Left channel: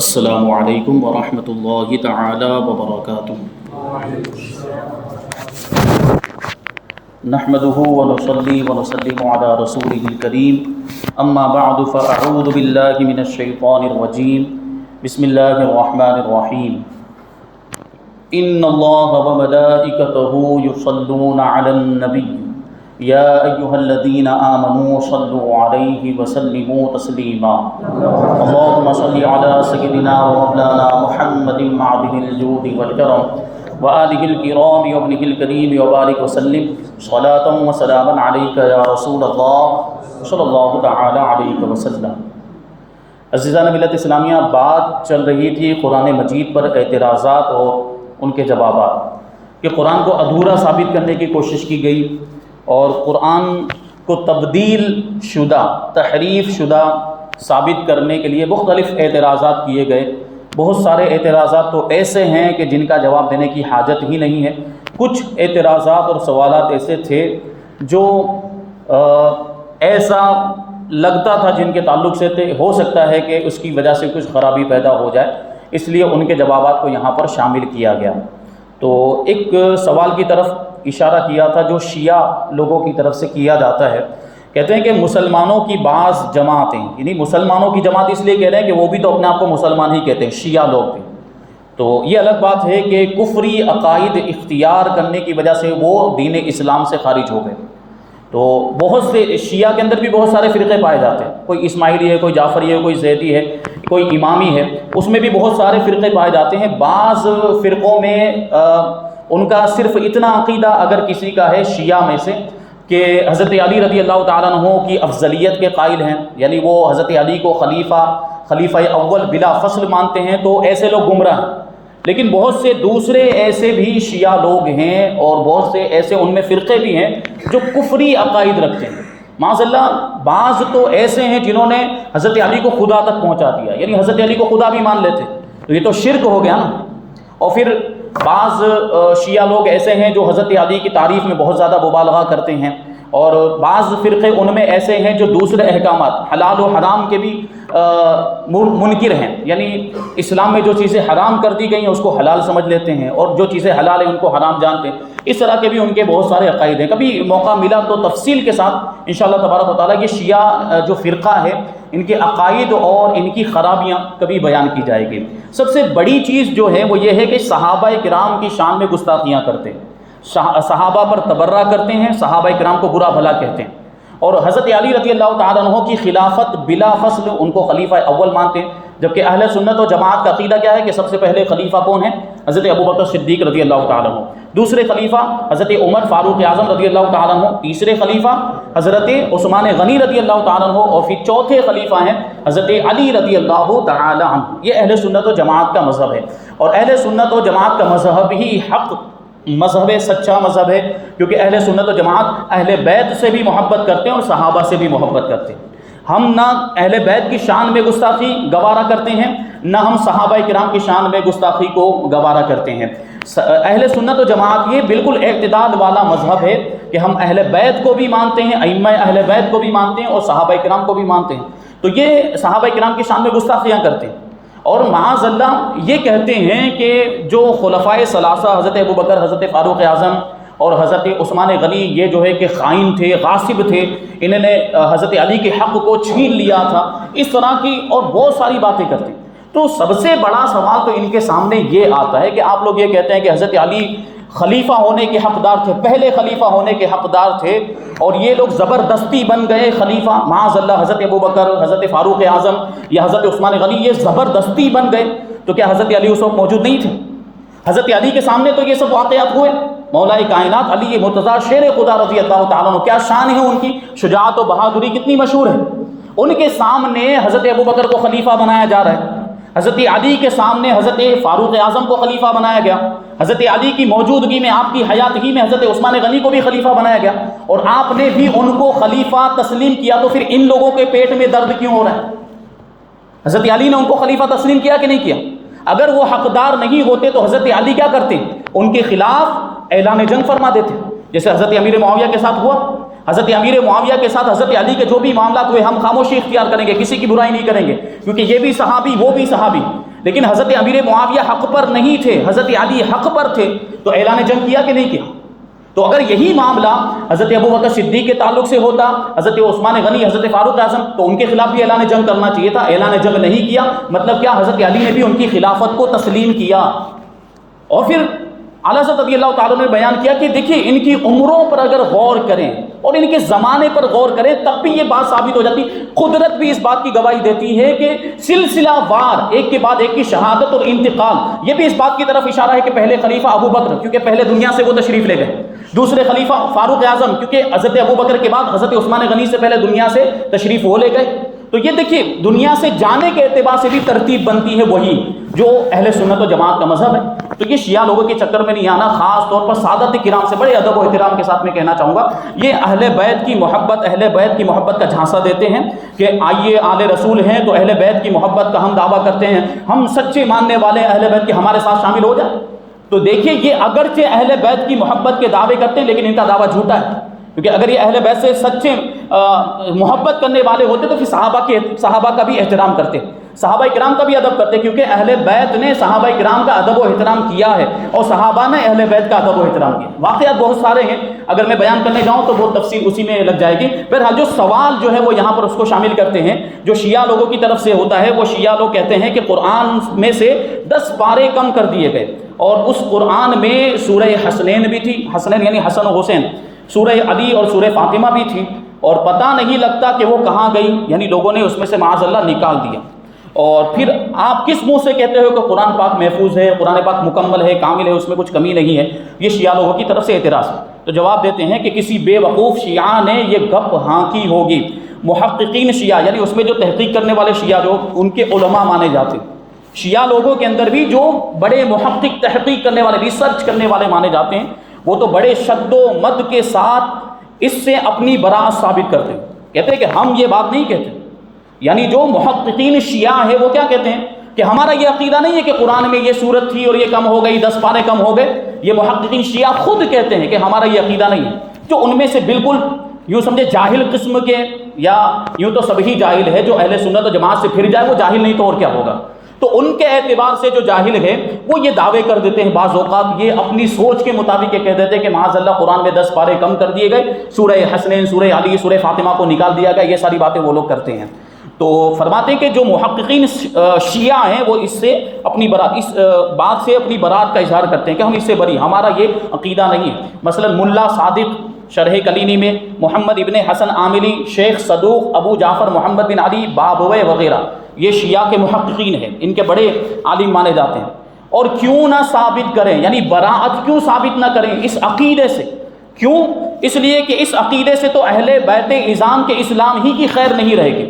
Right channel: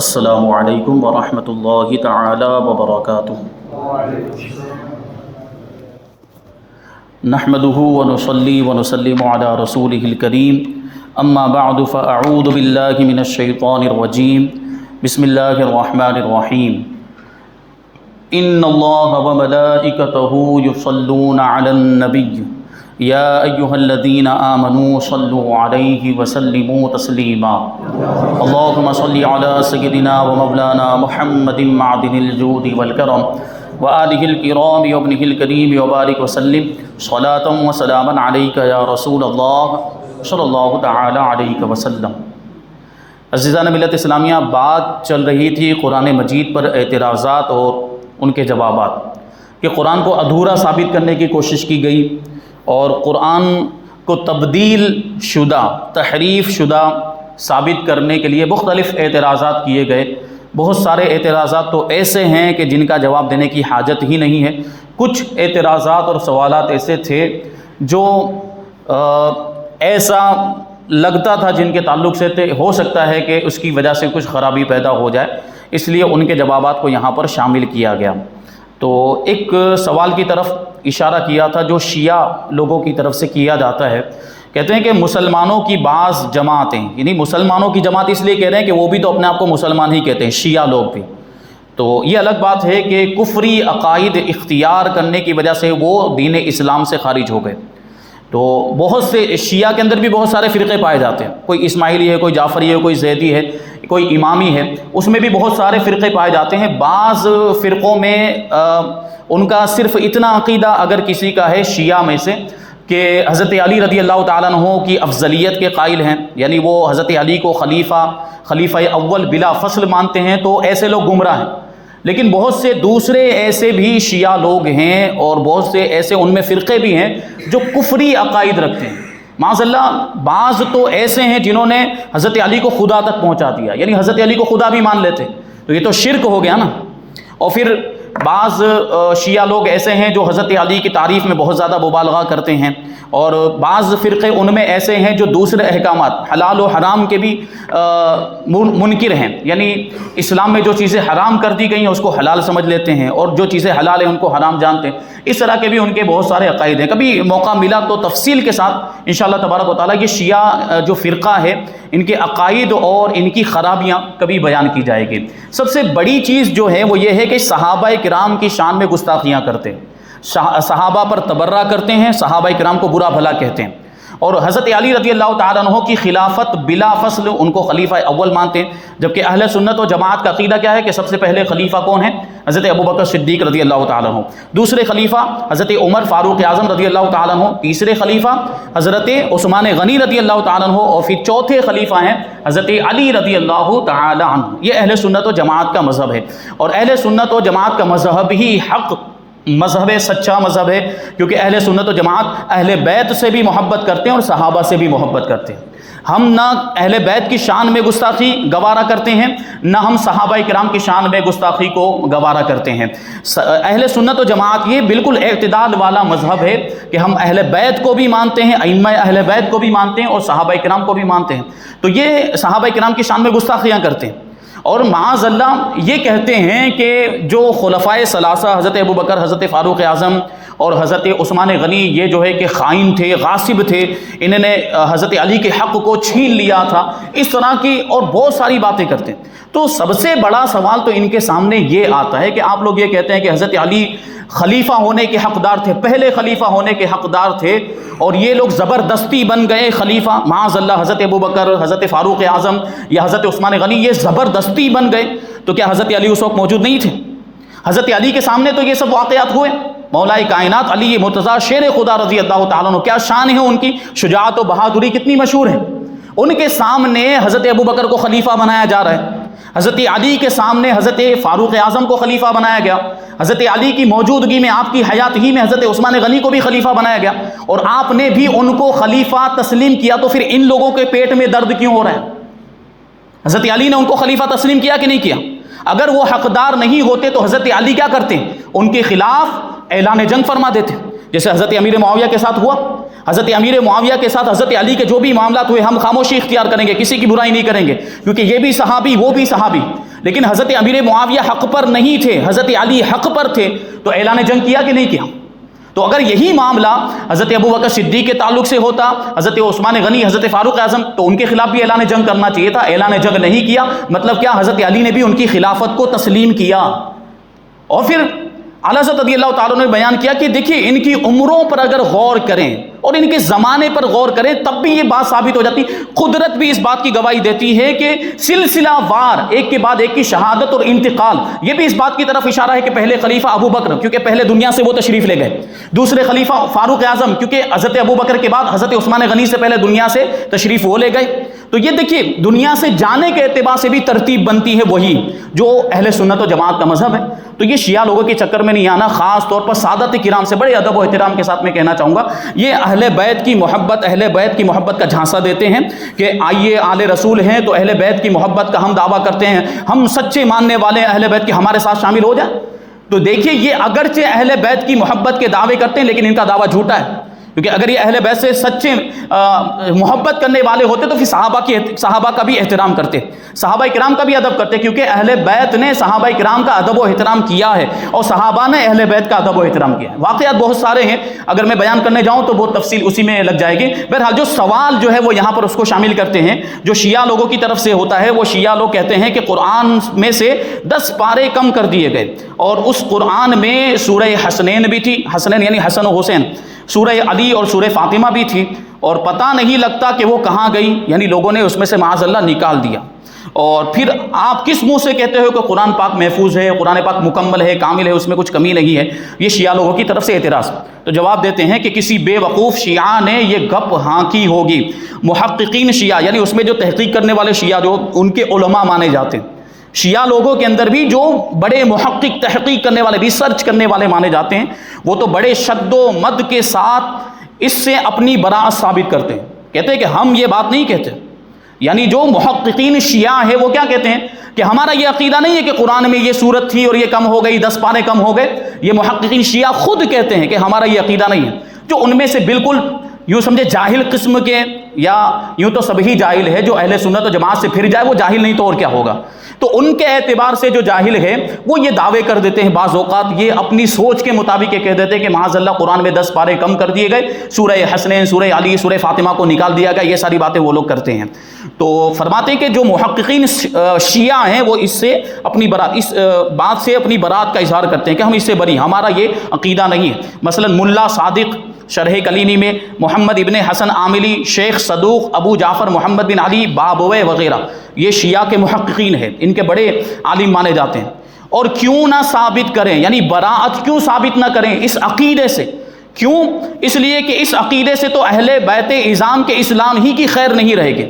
السلام علیکم ورحمۃ اللہ تعالی وبرکاتہ۔ نحمده ونصلي ونسلم على رسوله الكريم اما بعد فاعوذ بالله من الشيطان الرجيم بسم الله الرحمن الرحيم ان الله وملائكته يصلون على النبي يا ايها الذين امنوا صلوا عليه وسلموا تسليما اللهم صل على سيدنا ومولانا محمد معدن الجود والكرم وآلہ الکرام وابنہ الکریم وبارک وسلم صلاۃ وسلاما علیک یا رسول اللہ صلی اللہ تعالی علیہ وسلم۔ عزیزان ملت اسلامیہ، بات چل رہی تھی قرآن مجید پر اعتراضات اور ان کے جوابات، کہ قرآن کو ادھورا ثابت کرنے کی کوشش کی گئی اور قرآن کو تبدیل شدہ، تحریف شدہ ثابت کرنے کے لیے مختلف اعتراضات کیے گئے۔ بہت سارے اعتراضات تو ایسے ہیں کہ جن کا جواب دینے کی حاجت ہی نہیں ہے۔ کچھ اعتراضات اور سوالات ایسے تھے جو ایسا لگتا تھا جن کے تعلق سے ہو سکتا ہے کہ اس کی وجہ سے کچھ خرابی پیدا ہو جائے، اس لیے ان کے جوابات کو یہاں پر شامل کیا گیا۔ تو ایک سوال کی طرف اشارہ کیا تھا جو شیعہ لوگوں کی طرف سے کیا جاتا ہے۔ کہتے ہیں کہ مسلمانوں کی بعض جماعتیں، یعنی مسلمانوں کی جماعت اس لیے کہہ رہے ہیں کہ وہ بھی تو اپنے آپ کو مسلمان ہی کہتے ہیں، شیعہ لوگ بھی۔ تو یہ الگ بات ہے کہ کفری عقائد اختیار کرنے کی وجہ سے وہ دین اسلام سے خارج ہو گئے۔ تو بہت سے شیعہ کے اندر بھی بہت سارے فرقے پائے جاتے ہیں، کوئی اسماعیلی ہے، کوئی جعفری ہے، کوئی زیدی ہے، کوئی امامی ہے، اس میں بھی بہت سارے فرقے پائے جاتے ہیں۔ بعض فرقوں میں ان کا صرف اتنا عقیدہ اگر کسی کا ہے شیعہ میں سے کہ حضرت علی رضی اللہ تعالیٰ عنہ کی افضلیت کے قائل ہیں، یعنی وہ حضرت علی کو خلیفہ اول بلا فصل مانتے ہیں، تو ایسے لوگ گمراہ ہیں۔ لیکن بہت سے دوسرے ایسے بھی شیعہ لوگ ہیں اور بہت سے ایسے ان میں فرقے بھی ہیں جو کفری عقائد رکھتے ہیں۔ معاذ اللہ، بعض تو ایسے ہیں جنہوں نے حضرت علی کو خدا تک پہنچا دیا، یعنی حضرت علی کو خدا بھی مان لیتے، تو یہ تو شرک ہو گیا نا۔ اور پھر بعض شیعہ لوگ ایسے ہیں جو حضرت علی کی تعریف میں بہت زیادہ مبالغہ کرتے ہیں، اور بعض فرقے ان میں ایسے ہیں جو دوسرے احکامات حلال و حرام کے بھی منکر ہیں، یعنی اسلام میں جو چیزیں حرام کر دی گئی ہیں اس کو حلال سمجھ لیتے ہیں، اور جو چیزیں حلال ہیں ان کو حرام جانتے ہیں۔ اس طرح کے بھی ان کے بہت سارے عقائد ہیں۔ کبھی موقع ملا تو تفصیل کے ساتھ انشاءاللہ تبارک و تعالیٰ یہ شیعہ جو فرقہ ہے، ان کے عقائد اور ان کی خرابیاں کبھی بیان کی جائے گی۔ سب سے بڑی چیز جو ہے وہ یہ ہے کہ صحابہ کرام کی شان میں گستاخیاں کرتے ہیں، صحابہ پر تبرہ کرتے ہیں، صحابہ کرام کو برا بھلا کہتے ہیں، اور حضرت علی رضی اللہ تعالیٰ عنہ کی خلافت بلا فصل ان کو خلیفہ اول مانتے ہیں، جبکہ اہل سنت و جماعت کا عقیدہ کیا ہے کہ سب سے پہلے خلیفہ کون ہے؟ حضرت ابوبکر صدیق رضی اللہ تعالیٰ عنہ، دوسرے خلیفہ حضرت عمر فاروق اعظم رضی اللہ تعالیٰ عنہ، تیسرے خلیفہ حضرت عثمان غنی رضی اللہ تعالیٰ عنہ، اور پھر چوتھے خلیفہ ہیں حضرت علی رضی اللہ تعالیٰ عنہ۔ یہ اہل سنت و جماعت کا مذہب ہے، اور اہل سنت و جماعت کا مذہب ہی حق مذہب ہے، سچا مذہب ہے، کیونکہ اہل سنت و جماعت اہل بیت سے بھی محبت کرتے ہیں اور صحابہ سے بھی محبت کرتے ہیں۔ ہم نہ اہل بیت کی شان میں گستاخی گوارا کرتے ہیں، نہ ہم صحابہ کرام کی شان میں گستاخی کو گوارا کرتے ہیں۔ اہل سنت و جماعت یہ بالکل اعتدال والا مذہب ہے کہ ہم اہل بیت کو بھی مانتے ہیں، ائمہ اہل بیت کو بھی مانتے ہیں اور صحابہ کرام کو بھی مانتے ہیں۔ تو یہ صحابہ کرام کی شان میں گستاخیاں کرتے ہیں، اور معاذ اللہ یہ کہتے ہیں کہ جو خلفائے ثلاثہ حضرت ابوبکر، حضرت فاروق اعظم اور حضرت عثمان غنی، یہ جو ہے کہ خائن تھے، غاصب تھے، انہوں نے حضرت علی کے حق کو چھین لیا تھا، اس طرح کی اور بہت ساری باتیں کرتے ہیں۔ تو سب سے بڑا سوال تو ان کے سامنے یہ آتا ہے کہ آپ لوگ یہ کہتے ہیں کہ حضرت علی خلیفہ ہونے کے حقدار تھے، پہلے خلیفہ ہونے کے حقدار تھے، اور یہ لوگ زبردستی بن گئے خلیفہ۔ معاذ اللہ، حضرت ابوبکر، حضرت فاروق اعظم یا حضرت عثمان غنی یہ زبردستی بن گئے، تو کیا حضرت علی اس وقت موجود نہیں تھے؟ حضرت علی کے سامنے تو یہ سب واقعات ہوئے۔ مولا کائنات علی مرتضیٰ شیر خدا رضی اللہ تعالیٰ عنہ، کیا شان ہے ان کی، شجاعت و بہادری کتنی مشہور ہے۔ ان کے سامنے حضرت ابوبکر کو خلیفہ بنایا جا رہا ہے، حضرت علی کے سامنے حضرت فاروق اعظم کو خلیفہ بنایا گیا، حضرت علی کی موجودگی میں، آپ کی حیات ہی میں حضرت عثمان غنی کو بھی خلیفہ بنایا گیا، اور آپ نے بھی ان کو خلیفہ تسلیم کیا۔ تو پھر ان لوگوں کے پیٹ میں درد کیوں ہو رہا ہے؟ حضرت علی نے ان کو خلیفہ تسلیم کیا کہ نہیں کیا؟ اگر وہ حقدار نہیں ہوتے تو حضرت علی کیا کرتے؟ ان کے خلاف اعلان جنگ فرما دیتے، جیسے حضرت امیر معاویہ کے ساتھ ہوا۔ حضرت امیر معاویہ کے ساتھ حضرت علی کے جو بھی معاملات ہوئے ہم خاموشی اختیار کریں گے، کسی کی برائی نہیں کریں گے، کیونکہ یہ بھی صحابی وہ بھی صحابی. لیکن حضرت امیر معاویہ حق پر نہیں تھے، حضرت علی حق پر تھے، تو اعلان جنگ کیا کہ نہیں کیا؟ تو اگر یہی معاملہ حضرت ابوبکر صدیق کے تعلق سے ہوتا، حضرت عثمان غنی، حضرت فاروق اعظم، تو ان کے خلاف بھی اعلان جنگ کرنا چاہیے تھا. اعلان جنگ نہیں کیا، مطلب کیا؟ حضرت علی نے بھی ان کی خلافت کو تسلیم کیا. اور پھر اعلیٰ حضرت رضی اللہ تعالیٰ نے بیان کیا کہ دیکھیے ان کی عمروں پر اگر غور کریں اور ان کے زمانے پر غور کریں تب بھی یہ بات ثابت ہو جاتی. قدرت بھی اس بات کی گواہی دیتی ہے کہ سلسلہ وار ایک کے بعد ایک کی شہادت اور انتقال، یہ بھی اس بات کی طرف اشارہ ہے کہ پہلے خلیفہ ابو بکر کیونکہ پہلے دنیا سے وہ تشریف لے گئے، دوسرے خلیفہ فاروق اعظم کیونکہ حضرت ابو بکر کے بعد حضرت عثمان غنی سے پہلے دنیا سے تشریف وہ لے گئے. تو یہ دیکھیے دنیا سے جانے کے اعتبار سے بھی ترتیب بنتی ہے وہی جو اہل سنت و جماعت کا مذہب ہے. تو یہ شیعہ لوگوں کے چکر میں نہیں آنا. خاص طور پر سادت کرام سے بڑے ادب و احترام کے ساتھ میں کہنا چاہوں گا، یہ اہل بیت کی محبت، اہل بیت کی محبت کا جھانسا دیتے ہیں کہ آئیے آل رسول ہیں تو اہل بیت کی محبت کا ہم دعویٰ کرتے ہیں، ہم سچے ماننے والے ہیں اہل بیت کے، ہمارے ساتھ شامل ہو جائے. تو دیکھیے یہ اگرچہ اہل بیت کی محبت کے دعوے کرتے ہیں لیکن ان کا دعویٰ جھوٹا ہے، کیونکہ اگر یہ اہل بیت سے سچے محبت کرنے والے ہوتے تو پھر صحابہ کا بھی احترام کرتے، صحابہ کرام کا بھی ادب کرتے، کیونکہ اہل بیت نے صحابہ کرام کا ادب و احترام کیا ہے اور صحابہ نے اہل بیت کا ادب و احترام کیا ہے. واقعات بہت سارے ہیں، اگر میں بیان کرنے جاؤں تو بہت تفصیل اسی میں لگ جائے گی. بہرحال جو سوال جو ہے وہ یہاں پر اس کو شامل کرتے ہیں جو شیعہ لوگوں کی طرف سے ہوتا ہے. وہ شیعہ لوگ کہتے ہیں کہ قرآن میں سے 10 پارے کم کر دیے گئے اور اس قرآن میں سورہ حسنین بھی تھی، حسنین یعنی حسن و حسین، سورہ علی اور سورہ فاطمہ بھی تھی، اور پتہ نہیں لگتا کہ وہ کہاں گئی، یعنی لوگوں نے اس میں سے معاذ اللہ نکال دیا. اور پھر آپ کس منہ سے کہتے ہو کہ قرآن پاک محفوظ ہے، قرآن پاک مکمل ہے، کامل ہے، اس میں کچھ کمی نہیں ہے؟ یہ شیعہ لوگوں کی طرف سے اعتراض. تو جواب دیتے ہیں کہ کسی بے وقوف شیعہ نے یہ گپ ہانکی ہوگی. محققین شیعہ یعنی اس میں جو تحقیق کرنے والے شیعہ جو ان کے علماء مانے جاتے ہیں، شیعہ لوگوں کے اندر بھی جو بڑے محقق تحقیق کرنے والے، ریسرچ کرنے والے مانے جاتے ہیں، وہ تو بڑے شد و مد کے ساتھ اس سے اپنی براءت ثابت کرتے ہیں. کہتے ہیں کہ ہم یہ بات نہیں کہتے. یعنی جو محققین شیعہ ہے وہ کیا کہتے ہیں کہ ہمارا یہ عقیدہ نہیں ہے کہ قرآن میں یہ صورت تھی اور یہ کم ہو گئی، 10 پارے کم ہو گئے. یہ محققین شیعہ خود کہتے ہیں کہ ہمارا یہ عقیدہ نہیں ہے. جو ان میں سے بالکل یوں سمجھے جاہل قسم کے، یا یوں تو سبھی جاہل ہے، جو اہل سنت و جماعت سے پھر جائے وہ جاہل نہیں تو اور کیا ہوگا. تو ان کے اعتبار سے جو جاہل ہے وہ یہ دعوے کر دیتے ہیں، بعض اوقات یہ اپنی سوچ کے مطابق یہ کہہ دیتے ہیں کہ معاذ اللہ قرآن میں 10 پارے کم کر دیے گئے، سورہ حسنین، سورہ علی، سورہ فاطمہ کو نکال دیا گیا. یہ ساری باتیں وہ لوگ کرتے ہیں. تو فرماتے ہیں کہ جو محققین شیعہ ہیں وہ اس سے اپنی برات، اس بات سے اپنی برات کا اظہار کرتے ہیں کہ ہم اس سے بری، ہمارا یہ عقیدہ نہیں ہے. مثلا ملا صادق شرح کلینی میں، محمد ابن حسن عاملی، شیخ صدوق، ابو جعفر محمد بن علی بابوے وغیرہ یہ شیعہ کے محققین ہیں، ان کے بڑے عالم مانے جاتے ہیں. اور کیوں نہ ثابت کریں، یعنی براءت کیوں ثابت نہ کریں اس عقیدے سے؟ کیوں؟ اس لیے کہ اس عقیدے سے تو اہل بیت اعظام کے اسلام ہی کی خیر نہیں رہے گی.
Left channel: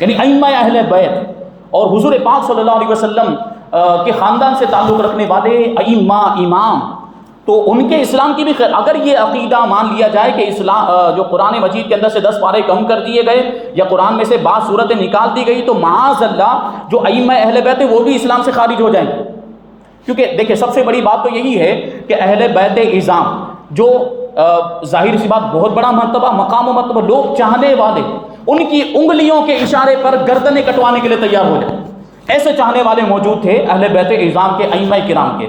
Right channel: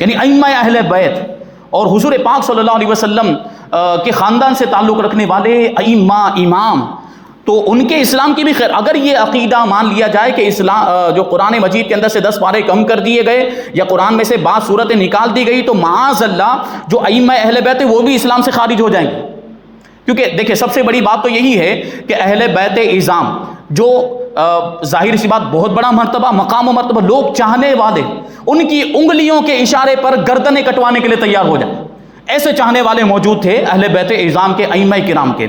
یعنی ائمہ اہل بیت اور حضور پاک صلی اللہ علیہ وسلم کے خاندان سے تعلق رکھنے والے ائمہ، امام، تو ان کے اسلام کی بھی خیر. اگر یہ عقیدہ مان لیا جائے کہ اسلام جو قرآن مجید کے اندر سے 10 پارے کم کر دیے گئے یا قرآن میں سے بعض صورتیں نکال دی گئی، تو معاذ اللہ جو ائمہ اہل بیت وہ بھی اسلام سے خارج ہو جائیں گے. کیونکہ دیکھیں سب سے بڑی بات تو یہی ہے کہ اہل بیت اعظام جو ظاہر سی بات بہت بڑا مرتبہ، مقام و مرتبہ، لوگ چاہنے والے ان کی انگلیوں کے اشارے پر گردنیں کٹوانے کے لیے تیار ہو جائیں، ایسے چاہنے والے موجود تھے اہل بیت اعظام کے، ائمہ کرام کے.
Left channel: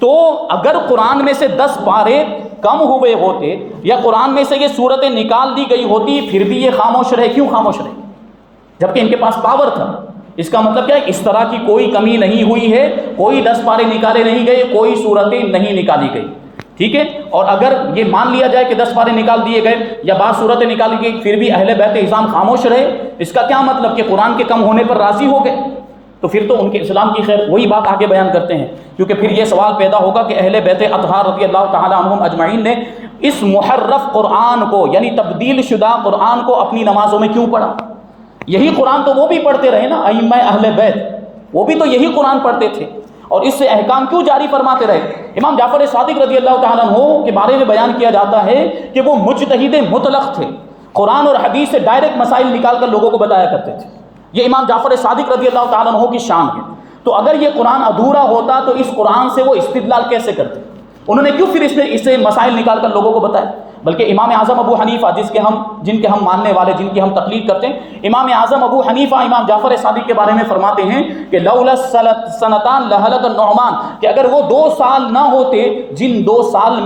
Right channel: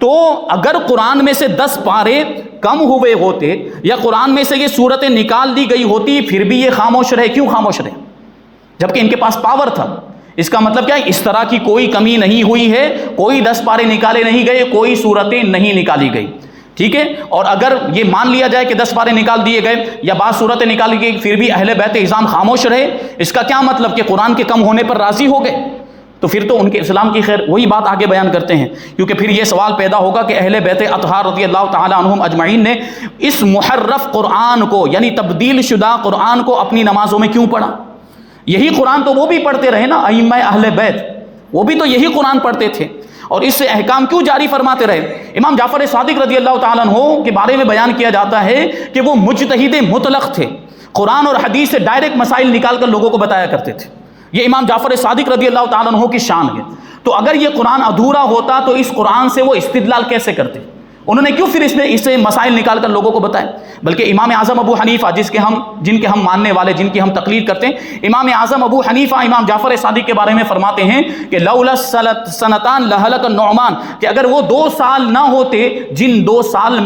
تو اگر قرآن میں سے 10 پارے کم ہوئے ہوتے یا قرآن میں سے یہ صورتیں نکال دی گئی ہوتی پھر بھی یہ خاموش رہے. کیوں خاموش رہے؟ جبکہ ان کے پاس پاور تھا. اس کا مطلب کیا ہے؟ اس طرح کی کوئی کمی نہیں ہوئی ہے، کوئی 10 پارے نکالے نہیں گئے، کوئی صورتیں نہیں نکالی گئی. ٹھیک ہے. اور اگر یہ مان لیا جائے کہ 10 پارے نکال دیے گئے یا بعض صورتیں نکالی گئی پھر بھی اہل بیت اعظام خاموش رہے، اس کا کیا مطلب کہ قرآن کے کم ہونے پر راضی ہو گئے؟ تو پھر تو ان کے اسلام کی خیر. وہی بات آگے بیان کرتے ہیں، کیونکہ پھر یہ سوال پیدا ہوگا کہ اہل بیت اطہار رضی اللہ تعالی عنہم اجمعین نے اس محرف قرآن کو، یعنی تبدیل شدہ قرآن کو اپنی نمازوں میں کیوں پڑھا؟ یہی قرآن تو وہ بھی پڑھتے رہے نا، ائمہ اہل بیت وہ بھی تو یہی قرآن پڑھتے تھے، اور اس سے احکام کیوں جاری فرماتے رہے؟ امام جعفر صادق رضی اللہ تعالیٰ عنہ کے بارے میں بیان کیا جاتا ہے کہ وہ مجتہد مطلق تھے، قرآن اور حدیث سے ڈائریکٹ مسائل نکال کر لوگوں کو بتایا کرتے تھے. یہ امام جعفر صادق رضی اللہ تعالیٰ عنہ کی شان ہے. تو اگر یہ قرآن ادھورا ہوتا تو اس قرآن سے وہ استدلال کیسے کرتے؟ انہوں نے کیوں پھر اس سے مسائل نکال کر لوگوں کو بتائے؟ بلکہ امام اعظم ابو حنیفہ جن کے ہم ماننے والے، جن کی ہم تقلید کرتے ہیں، امام اعظم ابو حنیفہ امام جعفر صادق کے بارے میں فرماتے ہیں کہ لولا سنتان لہلک النعمان، کہ اگر وہ 2 سال نہ ہوتے جن 2 سال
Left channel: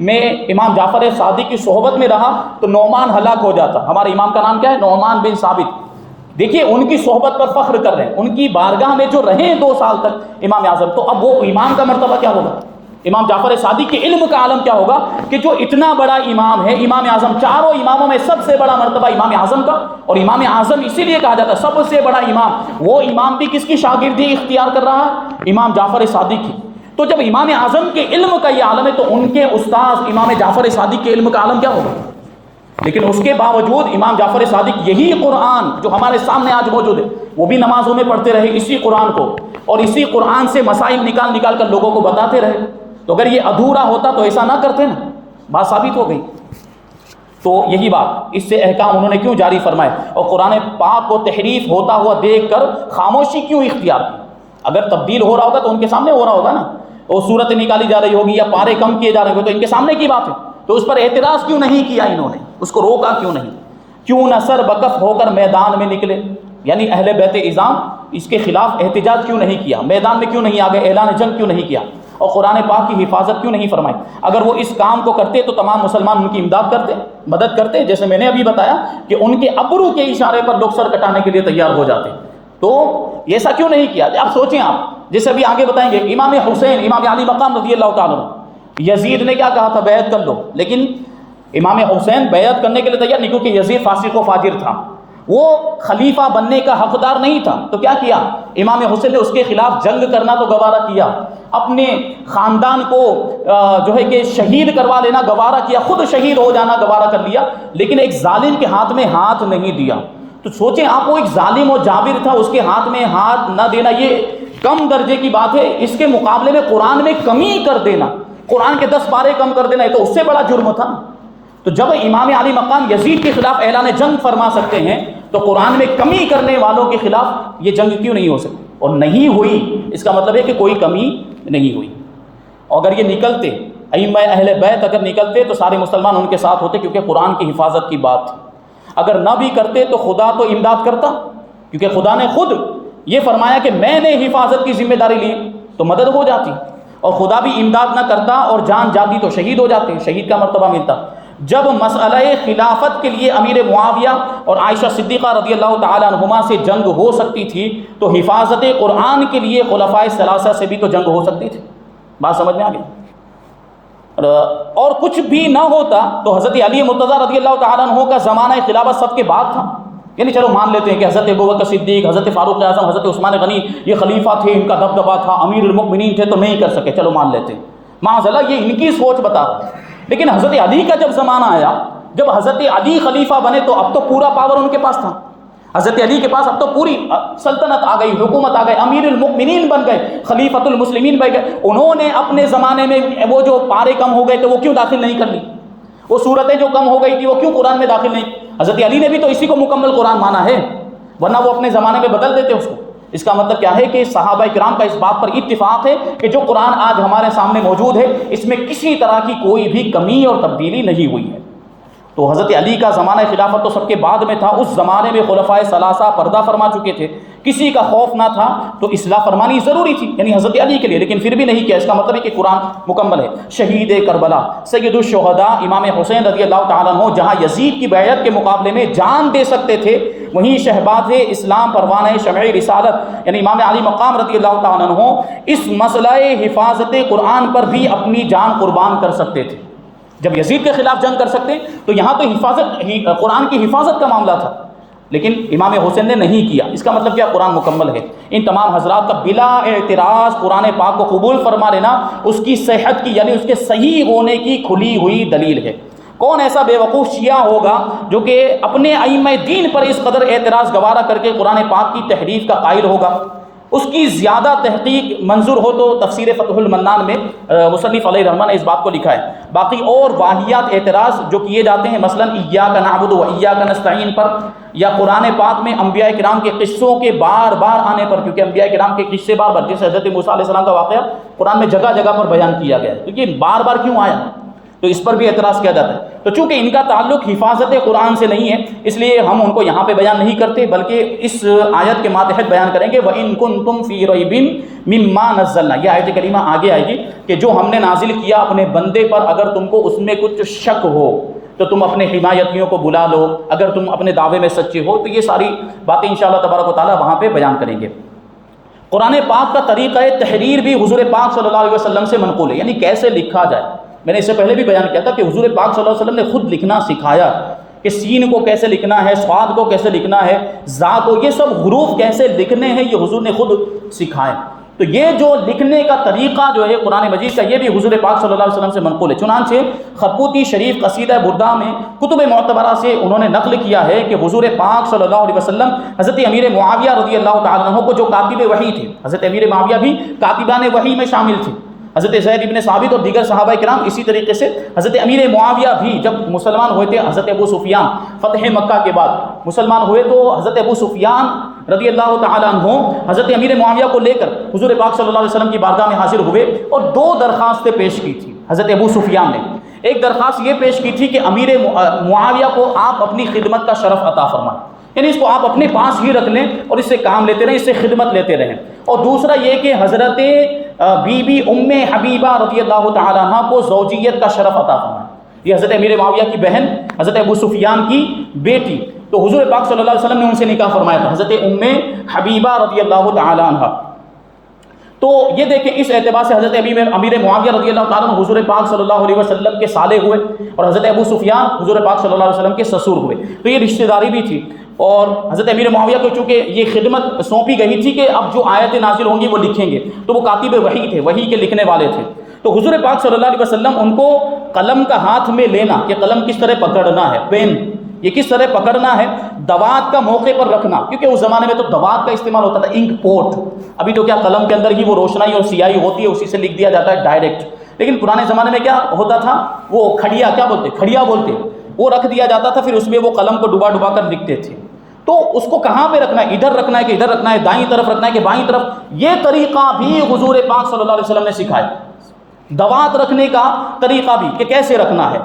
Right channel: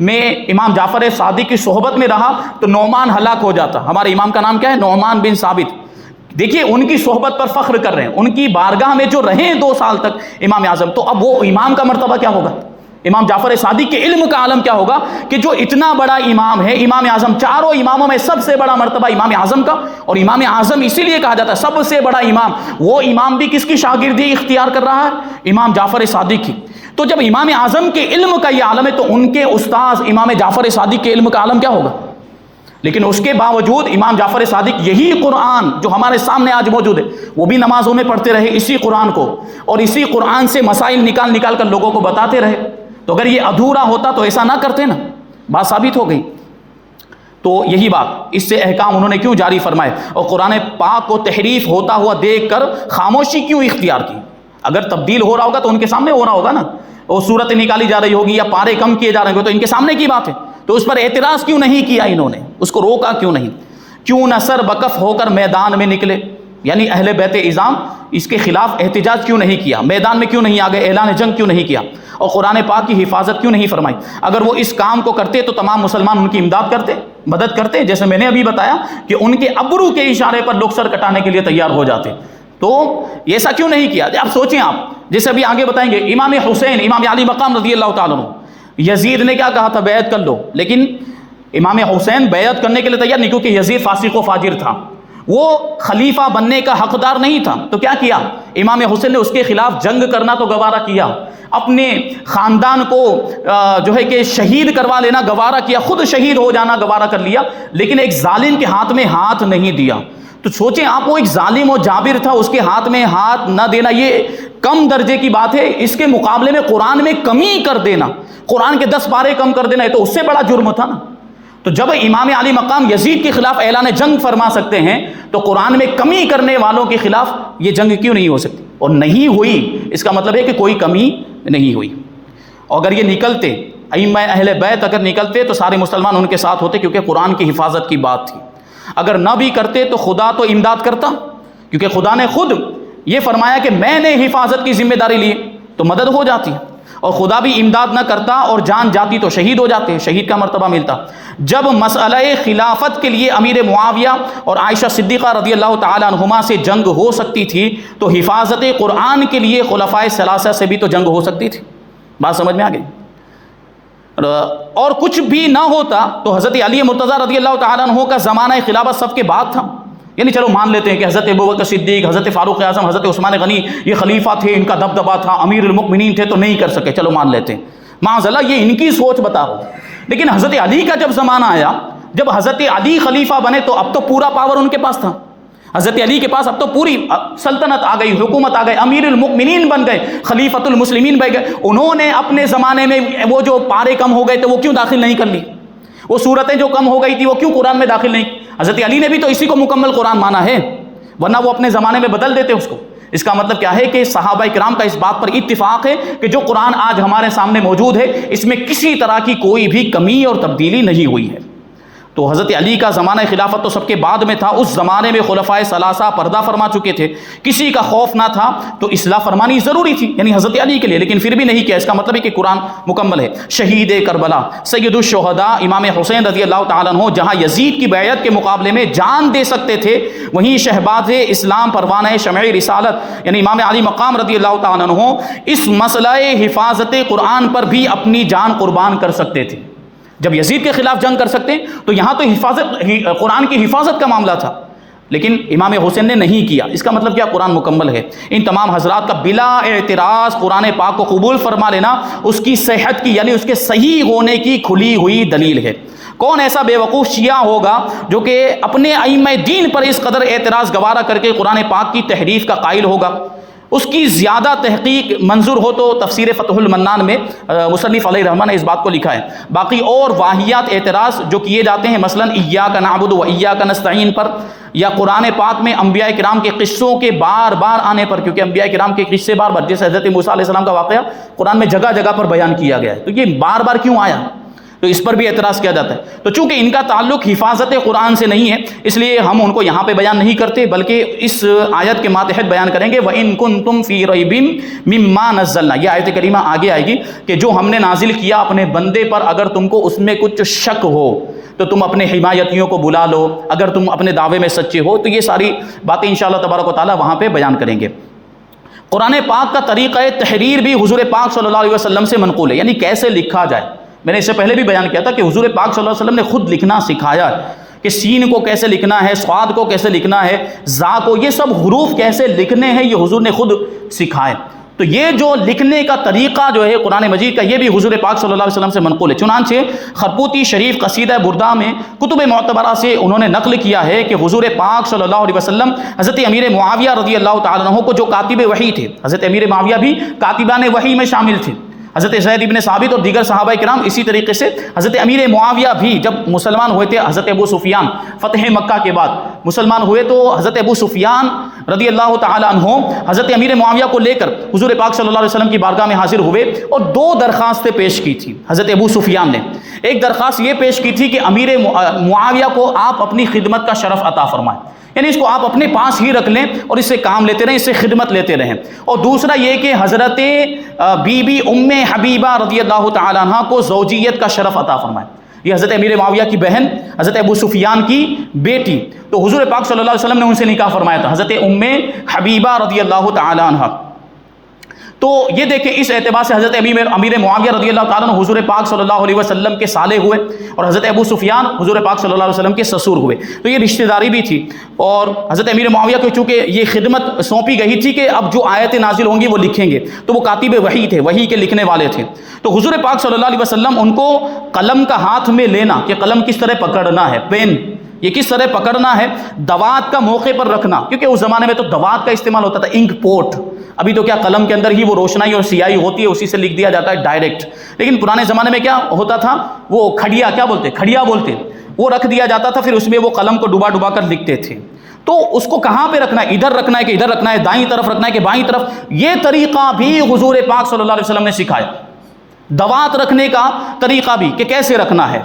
میں امام جعفر صادق کی صحبت میں رہا تو نعمان ہلاک ہو جاتا۔ ہمارے امام کا نام کیا ہے؟ نعمان بن ثابت۔ دیکھیے ان کی صحبت پر فخر کر رہے ہیں، ان کی بارگاہ میں جو رہے 2 سال تک امام اعظم، تو اب وہ امام کا مرتبہ کیا ہوگا؟ امام جعفر صادق کے علم کا عالم کیا ہوگا کہ جو اتنا بڑا امام ہے، امام اعظم، چاروں اماموں میں سب سے بڑا مرتبہ امام اعظم کا، اور امام اعظم اسی لیے کہا جاتا ہے سب سے بڑا امام، وہ امام بھی کس کی شاگردی اختیار کر رہا ہے؟ امام جعفر صادق کی۔ تو جب امام اعظم کے علم کا یہ عالم ہے تو ان کے استاذ امام جعفر صادق کے علم کا عالم کیا ہوگا؟ لیکن اس کے باوجود امام جعفر صادق یہی قرآن جو ہمارے سامنے آج موجود ہے وہ بھی نمازوں میں پڑھتے رہے اسی قرآن کو، اور اسی قرآن سے مسائل نکال کر لوگوں کو بتاتے رہے۔ تو اگر یہ ادھورا ہوتا تو ایسا نہ کرتے نا، بات ثابت ہو گئی۔ تو یہی بات، اس سے احکام انہوں نے کیوں جاری فرمائے، اور قرآن پاک کو تحریف ہوتا ہوا دیکھ کر خاموشی کیوں اختیار کی؟ اگر تبدیل ہو رہا ہوگا تو ان کے سامنے ہو رہا ہوگا نا، وہ صورتیں نکالی جا رہی ہوگی یا پارے کم کیے جا رہے ہوں گے تو ان کے سامنے کی بات ہے، تو اس پر اعتراض کیوں نہیں کیا انہوں نے؟ اس کو روکا کیوں نہیں؟ کیوں نہ سر بکف ہو کر میدان میں نکلے؟ یعنی اہل بیت اعظام اس کے خلاف احتجاج کیوں نہیں کیا؟ میدان میں کیوں نہیں آ گئے؟ اعلان جنگ کیوں نہیں کیا؟ اور قرآن پاک کی حفاظت کیوں نہیں فرمائی؟ اگر وہ اس کام کو کرتے تو تمام مسلمان ان کی امداد کرتے، مدد کرتے، جیسے میں نے ابھی بتایا کہ ان کے ابرو کے اشارے پر لوگ سر کٹانے کے لیے تیار ہو جاتے۔ تو ایسا کیوں نہیں کیا؟ اب سوچیں آپ، جیسے ابھی آگے بتائیں گے، امام حسین، امام علی مقام رضی اللہ تعالیٰ عنہ، یزید نے کیا کہا تھا؟ بیعت کر لو، لیکن امام حسین بیعت کرنے کے لیے تیار نہیں، کیونکہ یزید فاسق و فاجر تھا، وہ خلیفہ بننے کا حقدار نہیں تھا۔ تو کیا کیا امام حسین نے؟ اس کے خلاف جنگ کرنا تو گوارا کیا، اپنے خاندان کو جو ہے کہ شہید کروا لینا گوارا کیا، خود شہید ہو جانا گوارا کر لیا، لیکن ایک ظالم کے ہاتھ میں ہاتھ نہیں دیا۔ تو سوچیں آپ، وہ ایک ظالم و جابر تھا، اس کے ہاتھ میں ہاتھ نہ دینا یہ کم درجے کی بات ہے، اس کے مقابلے میں قرآن میں کمی کر دینا، قرآن کے 10 پارے کم کر دینا، تو اس سے بڑا جرم تھا نا۔ تو جب امام علی مقام یزید کے خلاف اعلان جنگ فرما سکتے ہیں تو قرآن میں کمی کرنے والوں کے خلاف یہ جنگ کیوں نہیں ہو سکتی؟ اور نہیں ہوئی، اس کا مطلب ہے کہ کوئی کمی نہیں ہوئی۔ اور اگر یہ نکلتے، ائمہ اہل بیت اگر نکلتے تو سارے مسلمان ان کے ساتھ ہوتے، کیونکہ قرآن کی حفاظت کی بات تھی۔ اگر نہ بھی کرتے تو خدا تو امداد کرتا، کیونکہ خدا نے خود یہ فرمایا کہ میں نے حفاظت کی ذمہ داری لی، تو مدد ہو جاتی، اور خدا بھی امداد نہ کرتا اور جان جاتی تو شہید ہو جاتے، شہید کا مرتبہ ملتا۔ جب مسئلہ خلافت کے لیے امیر معاویہ اور عائشہ صدیقہ رضی اللہ تعالیٰ عنہما سے جنگ ہو سکتی تھی تو حفاظت قرآن کے لیے خلفائے ثلاثہ سے بھی تو جنگ ہو سکتی تھی۔ بات سمجھ میں آ گئی؟ اور کچھ بھی نہ ہوتا تو حضرت علی مرتضیٰ رضی اللہ تعالیٰ عنہ کا زمانہ خلافت سب کے بعد تھا، یعنی چلو مان لیتے ہیں کہ حضرت ابوبکر صدیق، حضرت فاروق اعظم، حضرت عثمان غنی یہ خلیفہ تھے، ان کا دبدبا تھا، امیر المؤمنین تھے تو نہیں کر سکے، چلو مان لیتے ہیں، معاذ اللہ یہ ان کی سوچ بتا رہا ہوں۔ لیکن حضرت علی کا جب زمانہ آیا، جب حضرت علی خلیفہ بنے تو اب تو پورا پاور ان کے پاس تھا، حضرت علی کے پاس اب تو پوری سلطنت آ گئی، حکومت آ گئی، امیر المؤمنین بن گئے، خلیفۃ المسلمین بن گئے۔ انہوں نے اپنے زمانے میں وہ جو پارے کم ہو گئے تو وہ کیوں داخل نہیں کر لی؟ وہ صورتیں جو کم ہو گئی تھی وہ کیوں قرآن میں داخل نہیں؟ حضرت علی نے بھی تو اسی کو مکمل قرآن مانا ہے، ورنہ وہ اپنے زمانے میں بدل دیتے اس کو۔ اس کا مطلب کیا ہے کہ صحابہ کرام کا اس بات پر اتفاق ہے کہ جو قرآن آج ہمارے سامنے موجود ہے اس میں کسی طرح کی کوئی بھی کمی اور تبدیلی نہیں ہوئی ہے۔ تو حضرت علی کا زمانہ خلافت تو سب کے بعد میں تھا، اس زمانے میں خلفائے ثلاثہ پردہ فرما چکے تھے، کسی کا خوف نہ تھا، تو اصلاح فرمانی ضروری تھی، یعنی حضرت علی کے لیے، لیکن پھر بھی نہیں کیا۔ اس کا مطلب ہے کہ قرآن مکمل ہے۔ شہید کربلا سید الشہداء امام حسین رضی اللہ تعالیٰ عنہ جہاں یزید کی بیعت کے مقابلے میں جان دے سکتے تھے، وہیں شہباز اسلام پروانہ شمع رسالت یعنی امام علی مقام رضی اللہ تعالیٰ عنہ اس مسئلہ حفاظت قرآن پر بھی اپنی جان قربان کر سکتے تھے۔ جب یزید کے خلاف جنگ کر سکتے تو یہاں تو قرآن کی حفاظت کا معاملہ تھا، لیکن امام حسین نے نہیں کیا۔ اس کا مطلب کیا؟ قرآن مکمل ہے۔ ان تمام حضرات کا بلا اعتراض قرآن پاک کو قبول فرما لینا اس کی صحت کی یعنی اس کے صحیح ہونے کی کھلی ہوئی دلیل ہے۔ کون ایسا بے وقوف شیعہ ہوگا جو کہ اپنے ائمہ دین پر اس قدر اعتراض گوارا کر کے قرآن پاک کی تحریف کا قائل ہوگا؟ اس کی زیادہ تحقیق منظور ہو تو تفسیر فتح المنان میں مصنف علیہ رحمہ نے اس بات کو لکھا ہے. باقی اور واہیات اعتراض جو کیے جاتے ہیں مثلا ایاک نعبد و ایاک نستعین پر، یا قرآن پاک میں انبیاء کرام کے قصوں کے بار بار آنے پر، کیونکہ انبیاء کرام کے قصے بار بار، جیسے حضرت موسیٰ علیہ السلام کا واقعہ قرآن میں جگہ جگہ پر بیان کیا گیا ہے، تو یہ بار بار کیوں آیا، تو اس پر بھی اعتراض کیا جاتا ہے. تو چونکہ ان کا تعلق حفاظت قرآن سے نہیں ہے اس لیے ہم ان کو یہاں پہ بیان نہیں کرتے، بلکہ اس آیت کے ماتحت بیان کریں گے. وَإِن كُنتُمْ فِي رَيْبٍ مِّمَّا نَزَّلْنَا، یہ آیت کریمہ آگے آئے گی کہ جو ہم نے نازل کیا اپنے بندے پر، اگر تم کو اس میں کچھ شک ہو تو تم اپنے حمایتیوں کو بلا لو، اگر تم اپنے دعوے میں سچے ہو. تو یہ ساری باتیں انشاءاللہ تبارک و تعالیٰ وہاں پہ بیان کریں گے. قرآن پاک کا طریقہ تحریر بھی حضور پاک صلی اللہ علیہ وسلم سے منقول ہے، یعنی کیسے لکھا جائے. میں نے اس سے پہلے بھی بیان کیا تھا کہ حضور پاک صلی اللہ علیہ وسلم نے خود لکھنا سکھایا کہ سین کو کیسے لکھنا ہے، صاد کو کیسے لکھنا ہے، زا کو، یہ سب حروف کیسے لکھنے ہیں، یہ حضور نے خود سکھائے. تو یہ جو لکھنے کا طریقہ جو ہے قرآن مجید کا، یہ بھی حضور پاک صلی اللہ علیہ وسلم سے منقول ہے. چنانچہ خرپوتی شریف قصیدہ بردہ میں کتب معتبرہ سے انہوں نے نقل کیا ہے کہ حضور پاک صلی اللہ علیہ وسلم حضرت امیر معاویہ رضی اللہ تعالیٰ عنہ کو، جو کاتب وحی تھے، حضرت امیر معاویہ بھی کاتبان وحی میں شامل تھے، حضرت زید ابن ثابت اور دیگر صحابہ کرام اسی طریقے سے. حضرت امیر معاویہ بھی جب مسلمان ہوئے تھے، حضرت ابو سفیان فتح مکہ کے بعد مسلمان ہوئے، تو حضرت ابو سفیان رضی اللہ تعالیٰ عنہ حضرت امیر معاویہ کو لے کر حضور پاک صلی اللہ علیہ وسلم کی بارگاہ میں حاضر ہوئے اور 2 درخواستیں پیش کی تھی. حضرت ابو سفیان نے ایک درخواست یہ پیش کی تھی کہ امیر معاویہ کو آپ اپنی خدمت کا شرف عطا فرمائیں، یعنی اس کو آپ اپنے پاس ہی رکھ لیں اور اس سے کام لیتے رہیں، اس سے خدمت لیتے رہیں. اور دوسرا یہ کہ حضرت بی بی ام حبیبہ رضی اللہ تعالیٰ عنہ کو زوجیت کا شرف عطا فرمائیں. یہ حضرت امیر معاویہ کی بہن، حضرت ابو سفیان کی بیٹی. تو حضور پاک صلی اللہ علیہ وسلم نے ان سے نکاح فرمایا تھا، حضرت ام حبیبہ رضی اللہ تعالیٰ عنہ. تو یہ دیکھیں اس اعتبار سے حضرت امیر معاویہ رضی اللہ تعالیٰ عنہ حضور پاک صلی اللہ علیہ وسلم کے سالے ہوئے، اور حضرت ابو سفیان حضور پاک صلی اللہ علیہ وسلم کے سسر ہوئے. تو یہ رشتہ داری بھی تھی. اور حضرت امیر معاویہ کو چونکہ یہ خدمت سونپی گئی تھی کہ اب جو آیتیں نازل ہوں گی وہ لکھیں گے، تو وہ کاتب وحی تھے، وحی کے لکھنے والے تھے. تو حضور پاک صلی اللہ علیہ وسلم ان کو قلم کا ہاتھ میں لینا، کہ قلم کس طرح پکڑنا ہے، پین یہ کس طرح پکڑنا ہے، دوات کا موقع پر رکھنا، کیونکہ اس زمانے میں تو دوات کا استعمال ہوتا تھا، انک پوٹ. ابھی تو کیا قلم کے اندر ہی وہ روشنائی اور سیاہی ہوتی ہے، اسی سے لکھ دیا جاتا ہے ڈائریکٹ. لیکن پرانے زمانے میں کیا ہوتا تھا، وہ کھڑیا کھڑیا بولتے، وہ رکھ دیا جاتا تھا، پھر اس میں وہ قلم کو ڈبا ڈبا کر لکھتے تھے. تو اس کو کہاں پہ رکھنا ہے، ادھر رکھنا ہے کہ ادھر رکھنا ہے، دائیں طرف رکھنا ہے کہ بائیں طرف، یہ طریقہ بھی حضور پاک صلی اللہ علیہ وسلم نے سکھایا. دوات رکھنے کا طریقہ بھی کہ کیسے رکھنا ہے،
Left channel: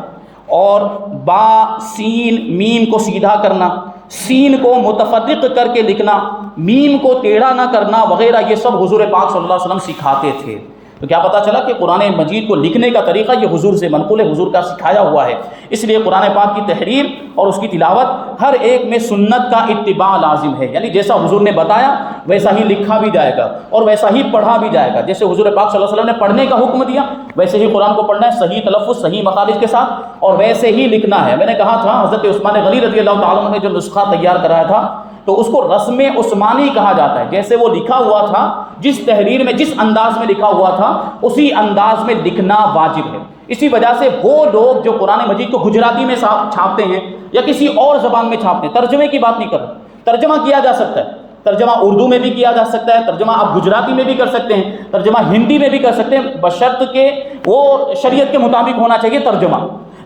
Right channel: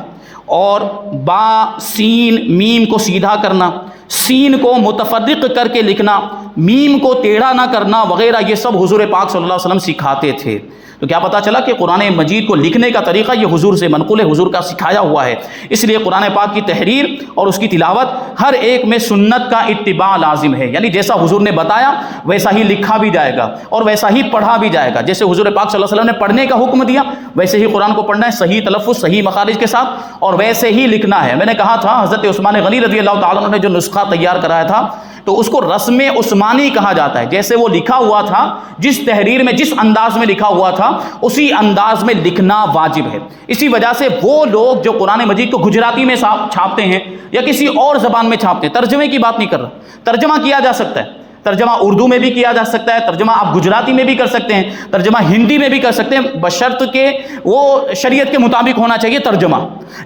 اور با سین میم کو سیدھا کرنا، سین کو متفرق کر کے لکھنا، میم کو ٹیڑھا نہ کرنا وغیرہ، یہ سب حضور پاک صلی اللہ علیہ وسلم سکھاتے تھے. تو کیا پتہ چلا کہ قرآن مجید کو لکھنے کا طریقہ یہ حضور سے منقول ہے، حضور کا سکھایا ہوا ہے. اس لیے قرآن پاک کی تحریر اور اس کی تلاوت ہر ایک میں سنت کا اتباع لازم ہے، یعنی جیسا حضور نے بتایا ویسا ہی لکھا بھی جائے گا اور ویسا ہی پڑھا بھی جائے گا. جیسے حضور پاک صلی اللہ علیہ وسلم نے پڑھنے کا حکم دیا ویسے ہی قرآن کو پڑھنا ہے، صحیح تلفظ صحیح مخارج کے ساتھ، اور ویسے ہی لکھنا ہے. میں نے کہا تھا حضرت عثمان غنی رضی اللہ تعالیٰ عنہ نے جو نسخہ تیار کرایا تھا تو اس کو رسم عثمانی کہا جاتا ہے. جیسے وہ لکھا ہوا تھا، جس تحریر میں جس انداز میں لکھا ہوا تھا اسی انداز میں لکھنا واجب ہے. اسی وجہ سے وہ لوگ جو قرآن مجید کو گجراتی میں چھاپتے ہیں یا کسی اور زبان میں چھاپتے ہیں، ترجمے کی بات نہیں کر رہا، ترجمہ کیا جا سکتا ہے، ترجمہ اردو میں بھی کیا جا سکتا ہے، ترجمہ آپ گجراتی میں بھی کر سکتے ہیں، ترجمہ ہندی میں بھی کر سکتے ہیں، بشرط کہ وہ شریعت کے مطابق ہونا چاہیے ترجمہ.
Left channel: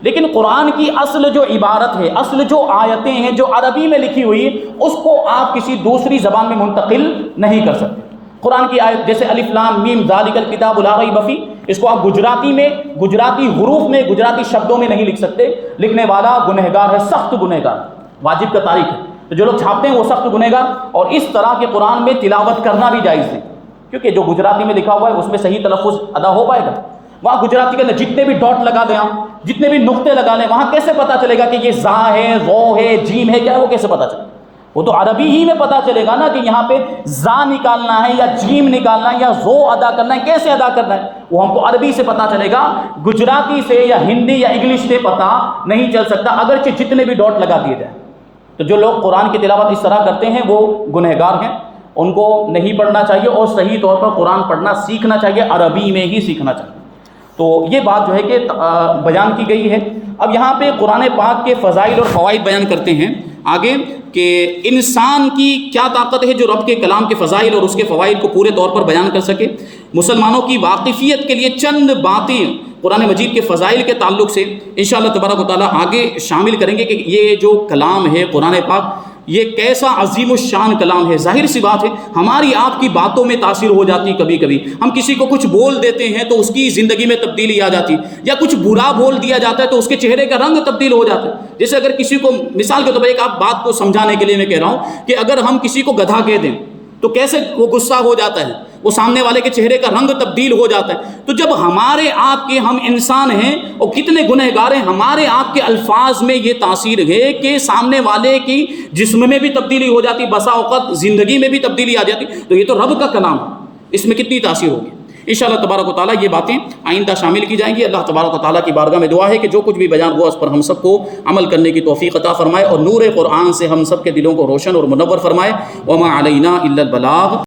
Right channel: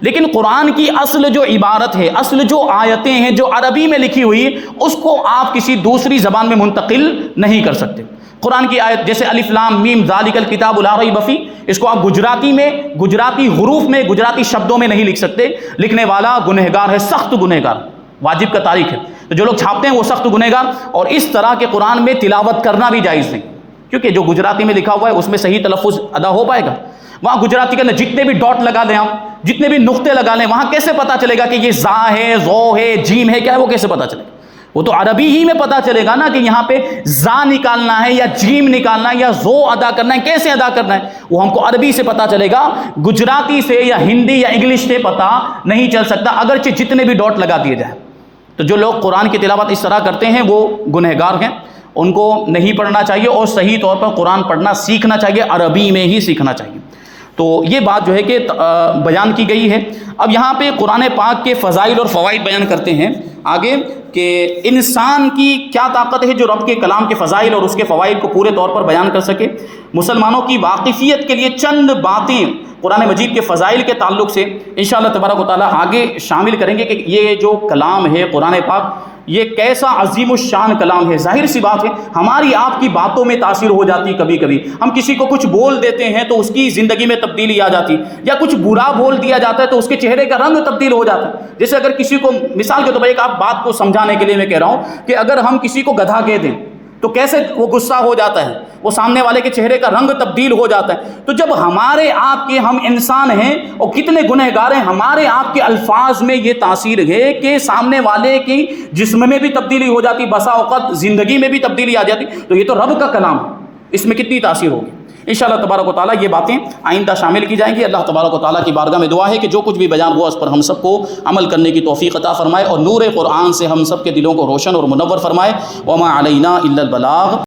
لیکن قرآن کی اصل جو عبارت ہے، اصل جو آیتیں ہیں جو عربی میں لکھی ہوئی، اس کو آپ کسی دوسری زبان میں منتقل نہیں کر سکتے. قرآن کی آیت جیسے الف لام میم ذالک الکتاب لا ریب فیہ، اس کو آپ گجراتی میں، گجراتی حروف میں، گجراتی شبدوں میں نہیں لکھ سکتے. لکھنے والا گنہگار ہے، سخت گنہگار، واجب کا تاریخ ہے. تو جو لوگ چھاپتے ہیں وہ سخت گنہگار. اور اس طرح کے قرآن میں تلاوت کرنا بھی جائز نہیں، کیونکہ جو گجراتی میں لکھا ہوا ہے اس میں صحیح تلفظ ادا ہو پائے گا. وہاں گجراتی کے اندر جتنے بھی ڈاٹ لگا دیں آپ، جتنے بھی نقطے لگا لیں، وہاں کیسے پتا چلے گا کہ یہ زا ہے، زو ہے، جیم ہے، کیا ہے، وہ کیسے پتا چلے گا؟ وہ تو عربی ہی میں پتا چلے گا نا کہ یہاں پہ زا نکالنا ہے یا جیم نکالنا ہے یا زو ادا کرنا ہے، کیسے ادا کرنا ہے، وہ ہم کو عربی سے پتا چلے گا. گجراتی سے یا ہندی یا انگلش سے پتا نہیں چل سکتا، اگرچہ جتنے بھی ڈاٹ لگا دیے جائیں. تو جو لوگ قرآن کی تلاوت اس طرح کرتے ہیں وہ گنہگار ہیں، ان کو نہیں پڑھنا چاہیے اور صحیح طور پر قرآن پڑھنا سیکھنا چاہیے، عربی میں ہی سیکھنا چاہیے. تو یہ بات جو ہے کہ بیان کی گئی ہے. اب یہاں پہ قرآن پاک کے فضائل اور فوائد بیان کرتے ہیں. آگے کہ انسان کی کیا طاقت ہے جو رب کے کلام کے فضائل اور اس کے فوائد کو پورے طور پر بیان کر سکے۔ مسلمانوں کی واقفیت کے لیے چند باتیں قرآن مجید کے فضائل کے تعلق سے انشاءاللہ تبارک و تعالیٰ آگے شامل کریں گے کہ یہ جو کلام ہے قرآن پاک یہ کیسا عظیم الشان کلام ہے۔ ظاہر سی بات ہے ہماری آپ کی باتوں میں تاثیر ہو جاتی، کبھی کبھی ہم کسی کو کچھ بول دیتے ہیں تو اس کی زندگی میں تبدیلی آ جاتی، یا کچھ برا بول دیا جاتا ہے تو اس کے چہرے کا رنگ تبدیل ہو جاتا ہے۔ جیسے اگر کسی کو مثال کے طور پر ایک آپ بات کو سمجھانے کے لیے میں کہہ رہا ہوں کہ اگر ہم کسی کو گدھا کہہ دیں تو کیسے وہ غصہ ہو جاتا ہے، وہ سامنے والے کے چہرے کا رنگ تبدیل ہو جاتا ہے۔ تو جب ہمارے آپ کے ہم انسان ہیں اور کتنے گنہگار ہیں، ہمارے آپ کے الفاظ میں یہ تاثیر ہے کہ سامنے والے کی جسم میں بھی تبدیلی ہو جاتی، بسا اوقات زندگی میں بھی تبدیلی آ جاتی، تو یہ تو رب کا کلام ہے، اس میں کتنی تاثیر ہوگی۔ انشاءاللہ تبارک و تعالیٰ یہ باتیں آئندہ شامل کی جائیں گی۔ اللہ تبارک و تعالیٰ کی بارگاہ میں دعا ہے کہ جو کچھ بھی بیان ہوا اس پر ہم سب کو عمل کرنے کی توفیق عطا فرمائے اور نور قرآن سے ہم سب کے دلوں کو روشن اور منور فرمائے۔ وما علینا الا البلاغ۔